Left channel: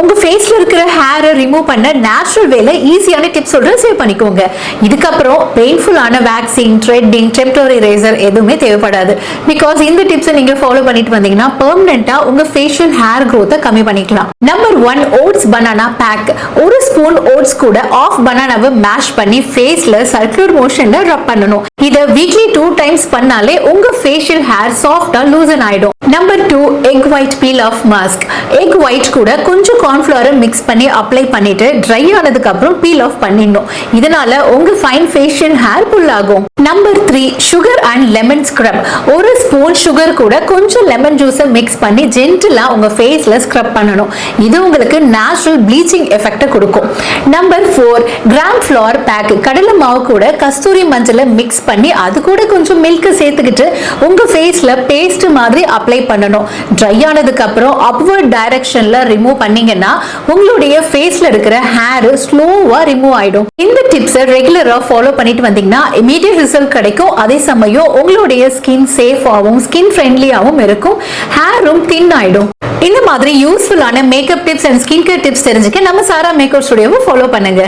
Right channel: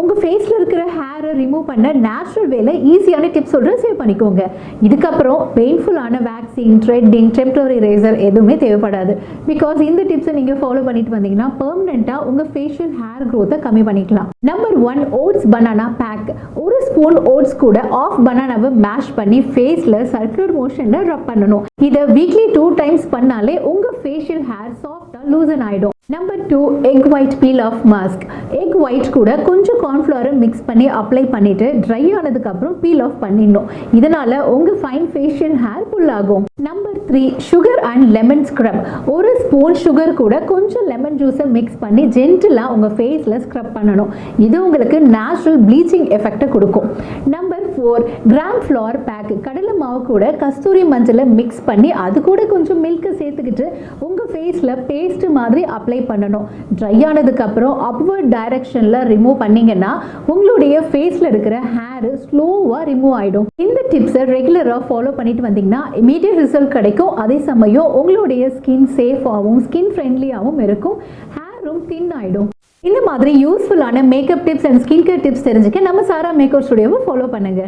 உங்க ஃபேஸ்ல இருக்கிற ஹேரை ரிமூவ் பண்ண நேச்சுரல் வேல ஈஸியான டிப்ஸ் சொல்றேன், சேவ் பண்ணிக்கோங்க. இதுக்கப்புறம் பெயின்ஃபுல்லான வேக்சிங், த்ரெட்டிங், டெம்பரரி ரேசர் எதுவுமே தேவைப்படாது. பிகாஸ் இந்த டிப்ஸை நீங்க ஃபாலோ பண்ணிட்டு வந்தீங்கன்னா பெர்மனண்டா உங்க ஃபேஷியல் ஹேர் growth கம்மி பண்ணிக்கலாம். Number 1, oats banana pack. ஒரு ஸ்பூன் ஓட்ஸ் கூட ஆஃப் பனானாவை மேஷ் பண்ணி ஃபேஸ்ல சர்க்குலர் மோஷன்ல ரப் பண்ணணும். இதை வீக்லி 2 times பண்ணாலே உங்க ஃபேஷியல் ஹேர் சாஃப்டா லூசன் ஆயிடும். Number 2, egg white peel off mask. Egg white கூட கொஞ்சம் கார்ன்ஃப்ளவரை மிக்ஸ் பண்ணி அப்ளை பண்ணிட்டு ட்ரை ஆனதுக்கு அப்புறம் பீல் ஆஃப் பண்ணிடணும். இதனால உங்க ஃபைன் ஃபேஷியல் ஹேர் புல் ஆகும். Number 3, sugar and lemon scrub. ஒரு ஸ்பூன் சுகர் கூட கொஞ்சம் லெமன் ஜூஸை மிக்ஸ் பண்ணி ஜென்டிலா உங்க ஃபேஸ்ல ஸ்க்ரப் பண்ணணும். இது உங்களுக்கு நேச்சுரல் ப்ளீச்சிங் எஃபெக்ட் கொடுக்கும். Number 4, gram flour pack. கடலை மாவு கூட கஸ்தூரி மஞ்சளை மிக்ஸ் பண்ணி அது கூட கொஞ்சம் மில்க் சேர்த்துக்கிட்டு உங்க ஃபேஸ்ல பேஸ்ட் மாதிரி அப்ளை பண்ணணும். ட்ரை ஆனதுக்கு அப்புறம் அப்வர்ட் டைரக்ஷன்ல ரிமூவ் பண்ணீங்கன்னா உங்களுடைய ஃபேஸ்ல இருக்கிற ஹேர் ஸ்லோவா ரிமூவ் ஆயிடும். இந்த டிப்ஸை ரெகுலரா ஃபாலோ பண்ணிட்டு வந்தீங்கன்னா இமீடியட் ரிசல்ட் கிடைக்கும். அதே சமயம் உங்களுடைய ஸ்கின் சேஃபாகவும் ஸ்கின் ஃப்ரெண்ட்லியாகவும் இருக்கும், ஹேரும் தின் ஆயிடும். இந்த மாதிரி யூஸ்ஃபுல்லான makeup tips and skin care tips தெரிஞ்சுக்க நம்ம சாரா மேக்கப் ஸ்டுடியோவை ஃபாலோ பண்ணுங்க.